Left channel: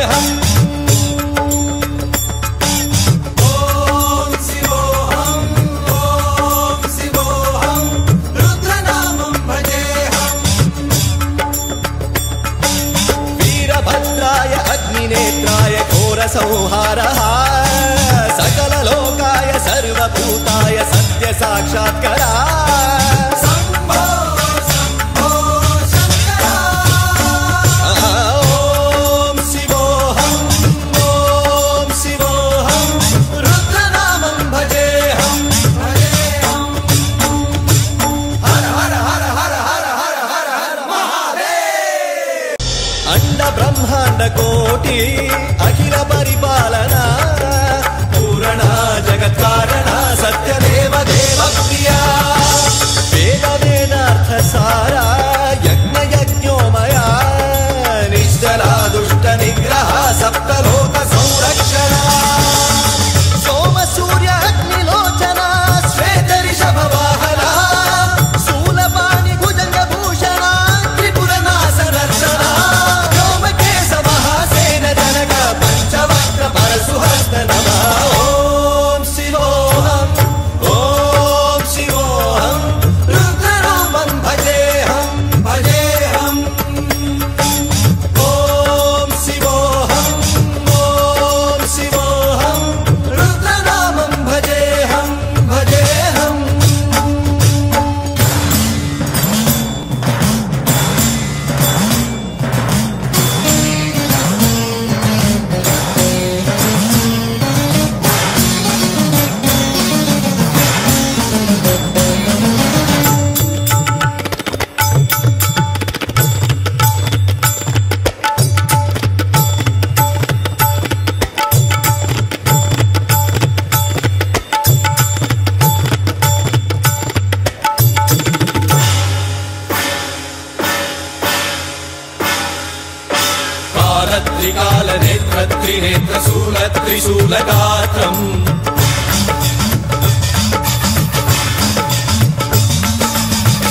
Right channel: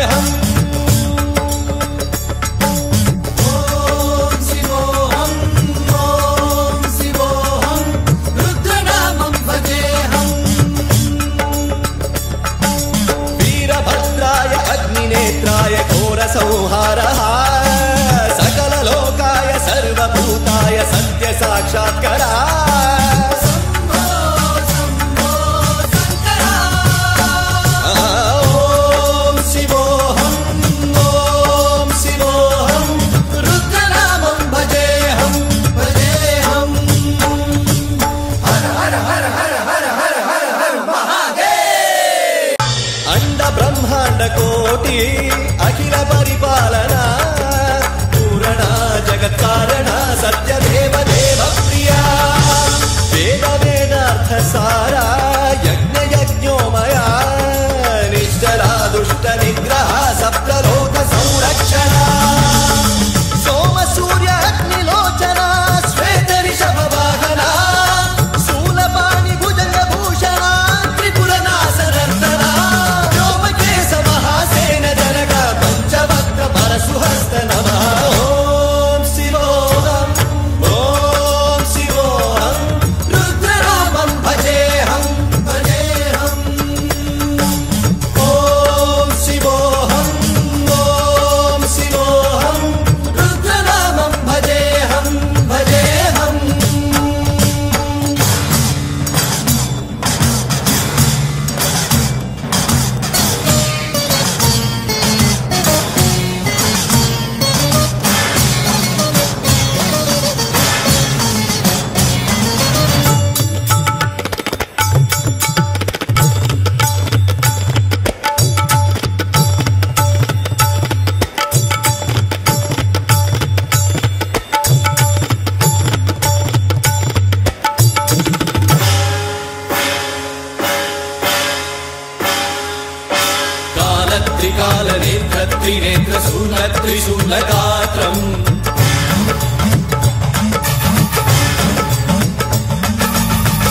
भजेऽहम् वीरभद्राय अग्निनेत्राय घोरसंहारः सकललोकाय सर्वभूताय सत्यसाक्षात्करा ॐ शिवोऽहम् ॐ शिवोऽहम् रुद्रनामं भजेऽहम् भजेऽहम् हर हर हर हर हर हर हर हर महादेव अंड ब्रह्मांड कोटि अखिल परिपालना पूर्ण जगत्कारण सत्यदेव देव प्रिया वेद वेदार्थ सारा यज्ञ यज्ञोमया निश्चला दुष्ट निग्रह सप्तलोक संरक्षण सोम सूर्य अग्निलोचना श्वेत ऋषभ वाहना शूलपाणि भुजंग भूषण त्रिपुर नासनर्दन व्योमकेश महासेन जनक पंचवक्त्र परशुहस्त नमः ओम शिवोऽहम् ओम शिवोऽहम् रुद्ररूपं भजेऽहम् भजेऽहम् ओम शिवोऽहम् ओम शिवोऽहम् रुद्रनामं भजेऽहम् भजेऽहम् त्रिकालनेत्र त्रिनेत्र शूलत्रिशूलगात्रम्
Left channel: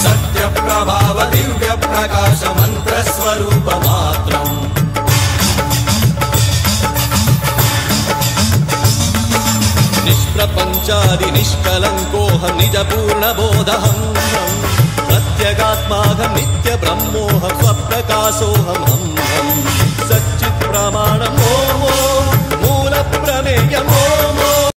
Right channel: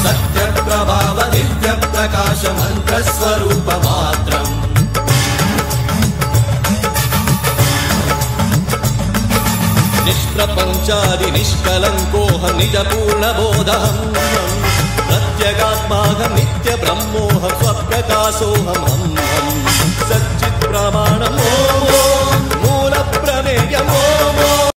सत्यप्रभाव दिव्य प्रकाश मन्त्रस्वरूपमात्रम् निष्प्रपञ्चादि निष्कलङ्कोऽहं निजपूर्णबोधहम् प्रत्यगात्माहं नित्य ब्रह्मोऽहं स्वप्रकाशोऽहम् सच्चित् प्रमाणम्